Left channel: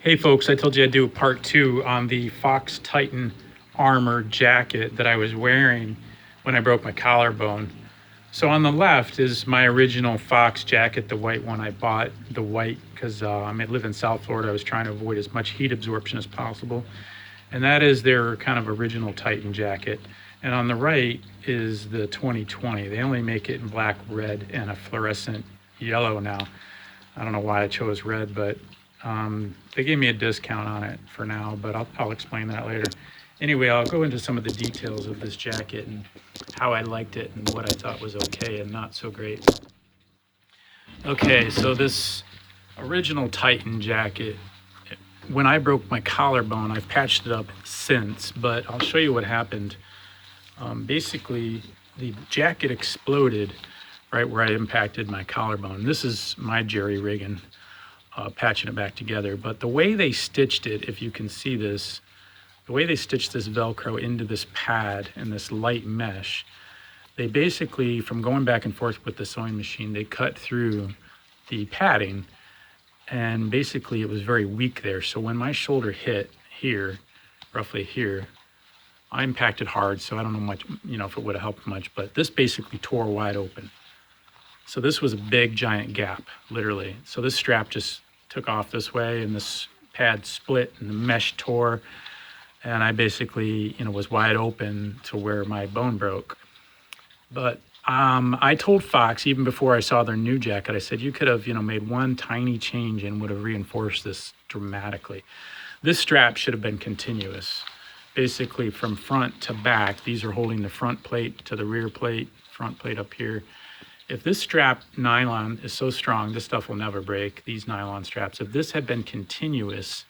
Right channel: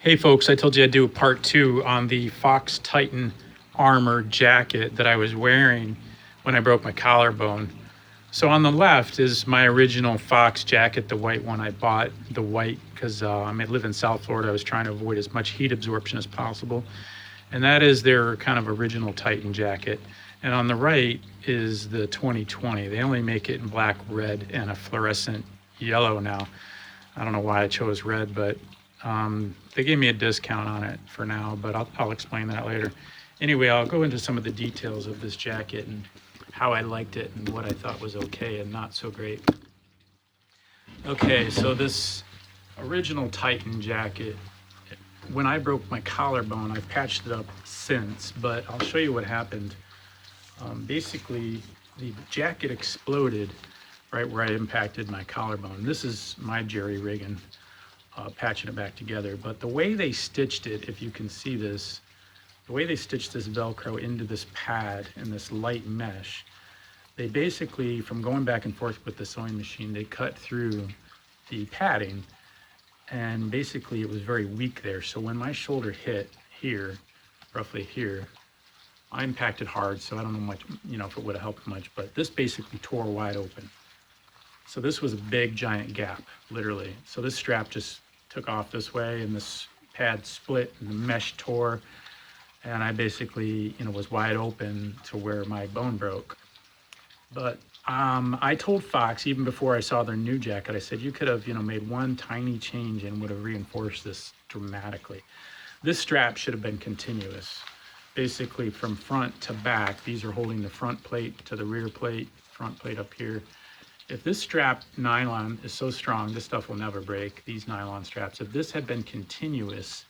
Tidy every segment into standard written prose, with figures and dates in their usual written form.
Hey folks, I told you I'd do a part two on the Fox Titan armor jacket that I was wearing when I broke my collarbone. So on the left is my original Fox jacket, the white one I bought, the white because I live in South Florida. I was trying to avoid as much heat absorption as possible. And that is their kind of original Titan jacket. And on the right is the 2020. They only make it in black, red, and a fluorescent yellow now. I don't know why I chose red, but they gave me a discount on it for now, but I'll explain that later. Anyway, I'll go into some of the details of this jacket and how I liked it and what I thought was okay and not so great. Okay, so this original Titan jacket, when I broke my collarbone, I've patched it up since, but I'll show you what happened. Basically, the jacket exploded right where I impacted my collarbone. This is my jerry rigging, patching it back together. But the way they stitched it, if you can see this, the way they stitched this Velcro into this pad and this light mesh, they basically, from going back and forth with the sewing machine, they cut through the padding, and basically it was very weak there. So when my shoulder hit here, roughly here, I impacted hard, so I don't know much, if it would have helped much, but this basically tore wide open. So this was a big giant gap, literally. So this strap just took off this way and this pad split and the mesh tore, and I basically, was wide open to where my bone broke. But I told Fox, even before I saw their new jacket, I said, you could have, made one tiny change and would have reinforced this dramatically. This strap should have been continuous. Basically from front to back, these are holding the front plate to the rear plate, front plate up here. If this strap nylon is so strong, this stuff will never break, these nylon straps. If this had been continuous,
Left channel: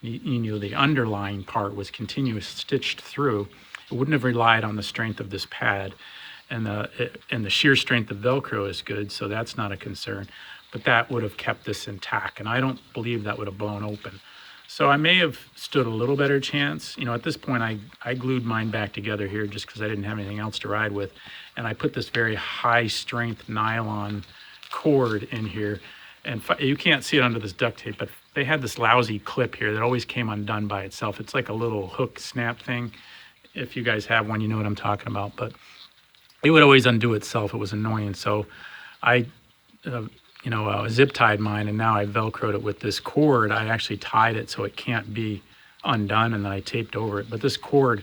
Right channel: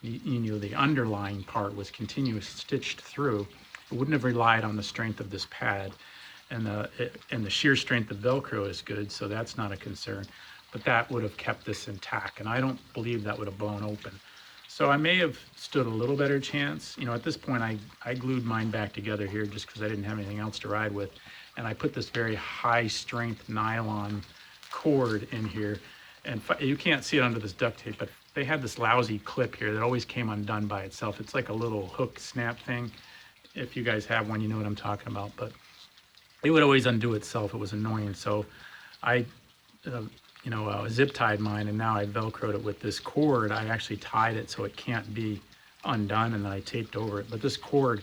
the underlying part was continuous, stitched through, it wouldn't have relied on the strength of this pad. And the shear strength of Velcro is good, so that's not a concern. But that would have kept this intact, and I don't believe that would have blown open. So I may have stood a little better chance. At this point, I glued mine back together here just because I didn't have anything else to ride with. And I put this very high strength nylon cord in here. And you can't see it under this duct tape, but they had this lousy clip here that always came undone by itself. It's like a little hook snap thing. If you guys have one, you know what I'm talking about. But it would always undo itself. It was annoying. So I zip tied mine, and now I Velcroed it with this cord. I actually tied it so it can't be undone, and then I taped over it. But this cord,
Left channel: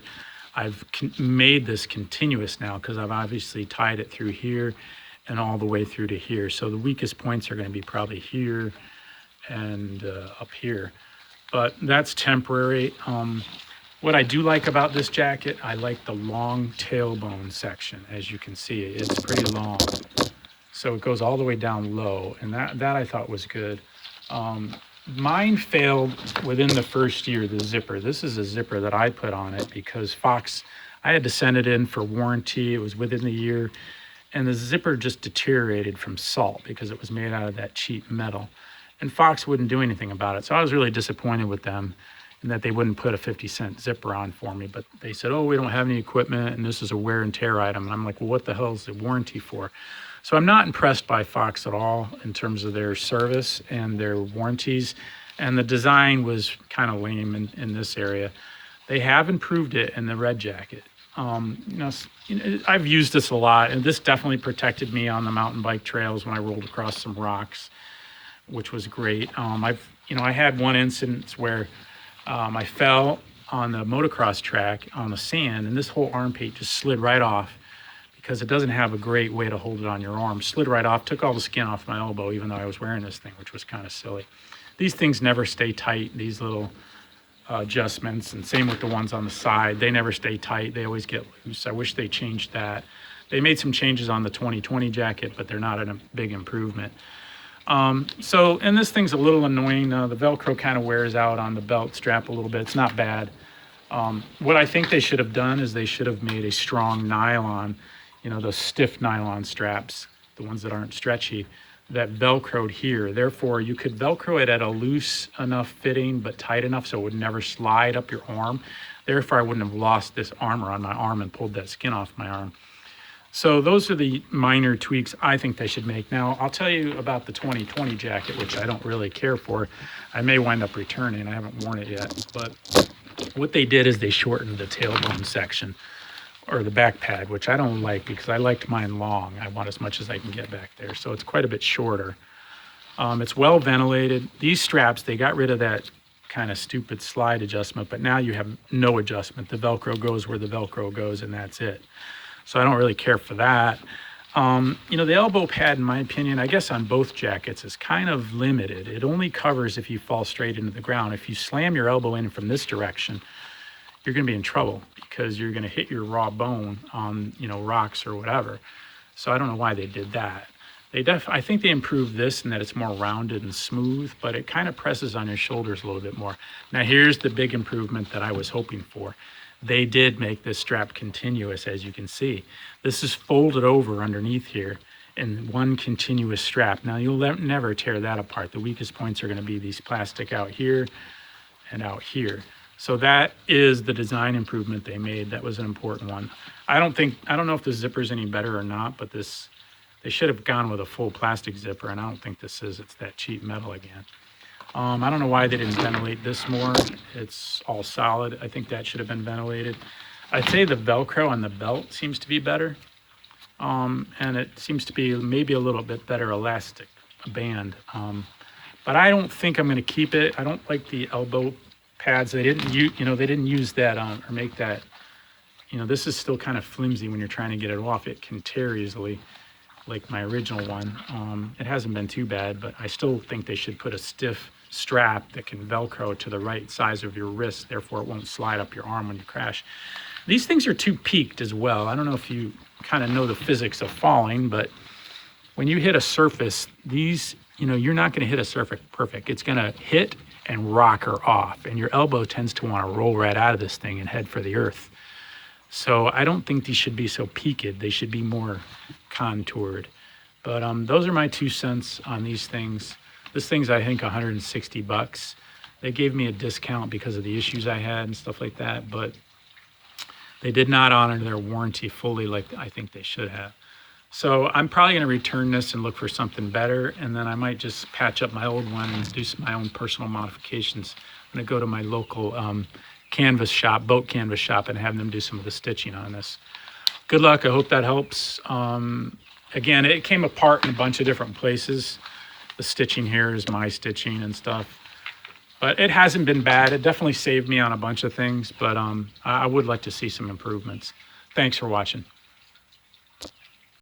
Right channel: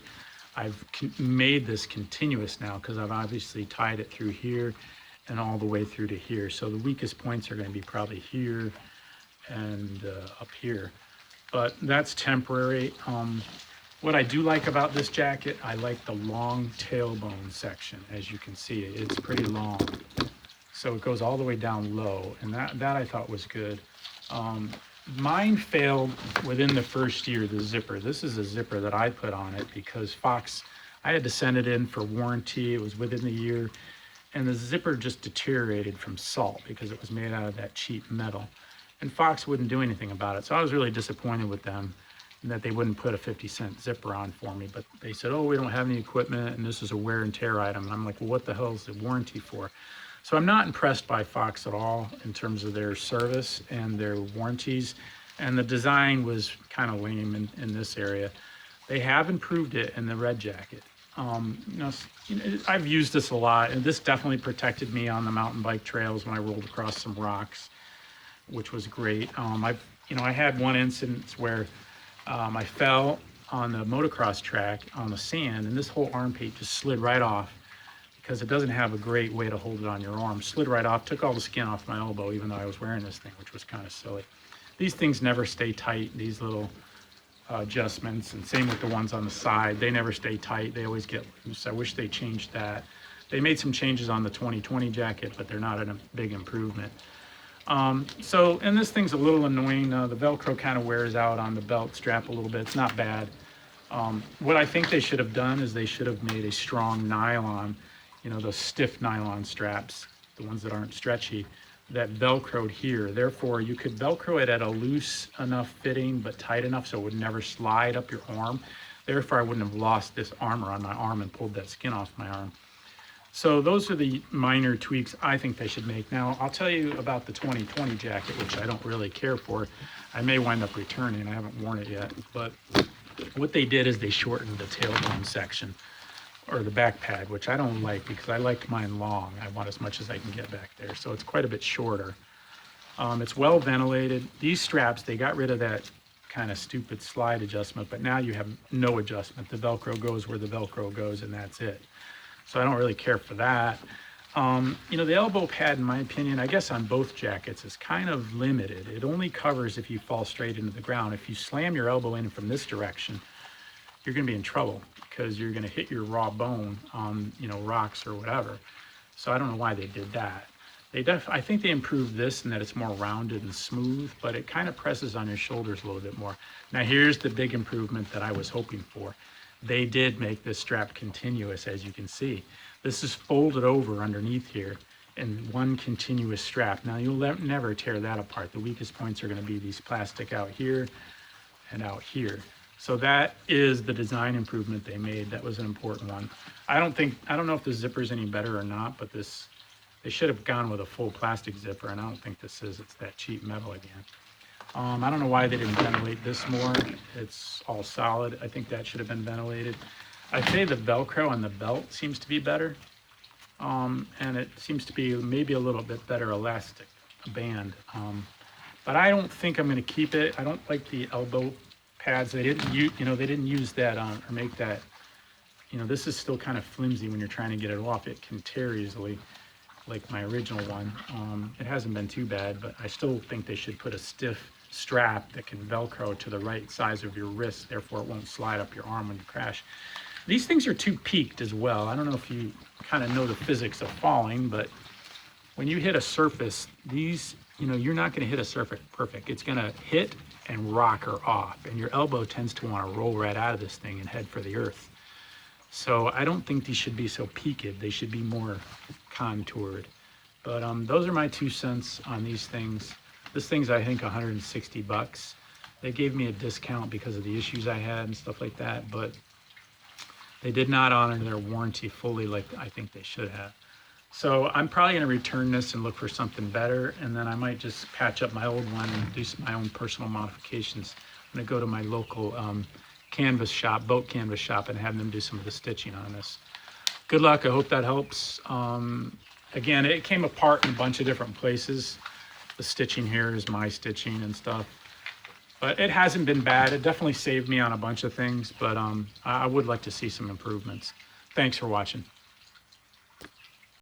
I've made this continuous now because I've obviously tied it through here and all the way through to here. So the weakest points are going to be probably here and up here. But that's temporary. What I do like about this jacket, I like the long tailbone section. As you can see, it's pretty long. So it goes all the way down low, and that I thought was good. Mine failed within the first year, the zipper. This is a zipper that I put on it because Fox, I had to send it in for warranty. It was within the year, and the zipper just deteriorated from salt because it was made out of that cheap metal. And Fox wouldn't do anything about it. So I was really disappointed with them and that they wouldn't put a 50-cent zipper on for me. But they said, oh, we don't have any equipment, and this is a wear and tear item. And I'm like, well, what the hell is the warranty for? So I'm not impressed by Fox at all in terms of their service and their warranties. And the design was kind of lame in this area. They have improved it in the red jacket. I've used this a lot, and this definitely protected me on the mountain bike trails when I rolled across some rocks, which was great. I had one instance where I fell on the motocross track on the sand, and this whole armpit just slid right off because it doesn't have a great way to hold it on your arm. Slid right off, took all the skin off my elbow, even though I was wearing this thing, which was kind of silly. These things never stay tight, these little adjustments, and same with the ones on the side. They never stay tight, they always get loose. I wish they changed that. They made some changes on the 2020 jacket, but they're not a big improvement. And this thing's a little annoying. The Velcro kind of wears out on the belt strap a little bit. It's not bad. What I think they should have done is they should have made a strong nylon, those stiff nylon straps, the ones that aren't stretchy, that Velcroed here. Therefore, you could Velcro it at a loose enough fitting, but tight enough so it would never slide up your arm. Therefore, I wouldn't have lost this armor on my arm and pulled that skin off my arm. So those are the minor tweaks I think they should make. Now, I'll tell you about the 2020 jacket, which I don't really care for. I may wind up returning. I haven't worn it yet. But what they did is they shortened the tailbone section, or the back pad, which I don't like because I liked mine long. I want as much as I can get back there. So it's quite a bit shorter. It's well ventilated. These straps, they got rid of that kind of stupid slide adjustment, but now you have no adjustment. The Velcro goes where the Velcro goes, and that's it. So I don't really care for that. You know, the elbow pad, in my opinion, I guess on both jackets, is kind of limited. It only covers if you fall straight into the ground. If you slam your elbow in from this direction, you're going to be in trouble because you're going to hit your raw bone on, you know, rocks or whatever. So I don't know why they did that. I think they improved this in that it's more rounded and smooth, but it kind of presses on your shoulders a little bit more. Now here's the big improvement that I was hoping for. They did make this strap continuous, as you can see. This is folded over underneath here in one continuous strap. Now you'll never tear that apart. The weakest points are going to be these plastic out here and out here. So that is the design improvement they made. That was an important one. I don't know if the zipper is any better or not, but they should have gone with a full plastic zipper, and I don't think this is. It's that cheap metal again. I don't know why they didn't ventilate this more. It's all solid. I think that should have been ventilated. I'd say the Velcro on the belt seems to be better. And it seems to be maybe a little bit better elastic band. But I don't think I'm going to keep it. I don't like the elbow pads. They didn't use, they didn't use that or make that. This is still kind of flimsy when you're trying to get it off. It can tear easily, like my original one. It hasn't been too bad, but I still think they should put a stiff strap that can Velcro to the right size of your wrist, therefore it won't slide up your arm when you crash. These things are too peaked as well. I don't know if you kind of know the physics of falling, but when you hit a surface, these, you're not going to hit a surface perfect. It's going to hit and rock her off, and your elbow tends to want to roll right out of this thing and head for the earth. So I don't think these should be so peaked. They should be more contoured. But those are my 2 cents on these things. This thing's, I think, $160. They gave me a discount because of the issues I had and stuff like that, but they did not honor their warranty fully like I think they should have. So I'm probably going to return this and look for something better, and then I might just patch up my old one and do my own personal modifications. I'm going to go to my local canvas shop, boat canvas shop, and have them do some of the stitching on this. Good luck. I hope that helps. Again, it came apart in a bunch of different places. The stitching here is my stitching and stuff. But it hasn't been bad. It definitely saved me on a bunch of things, but I would like to see some improvements. Thanks for watching.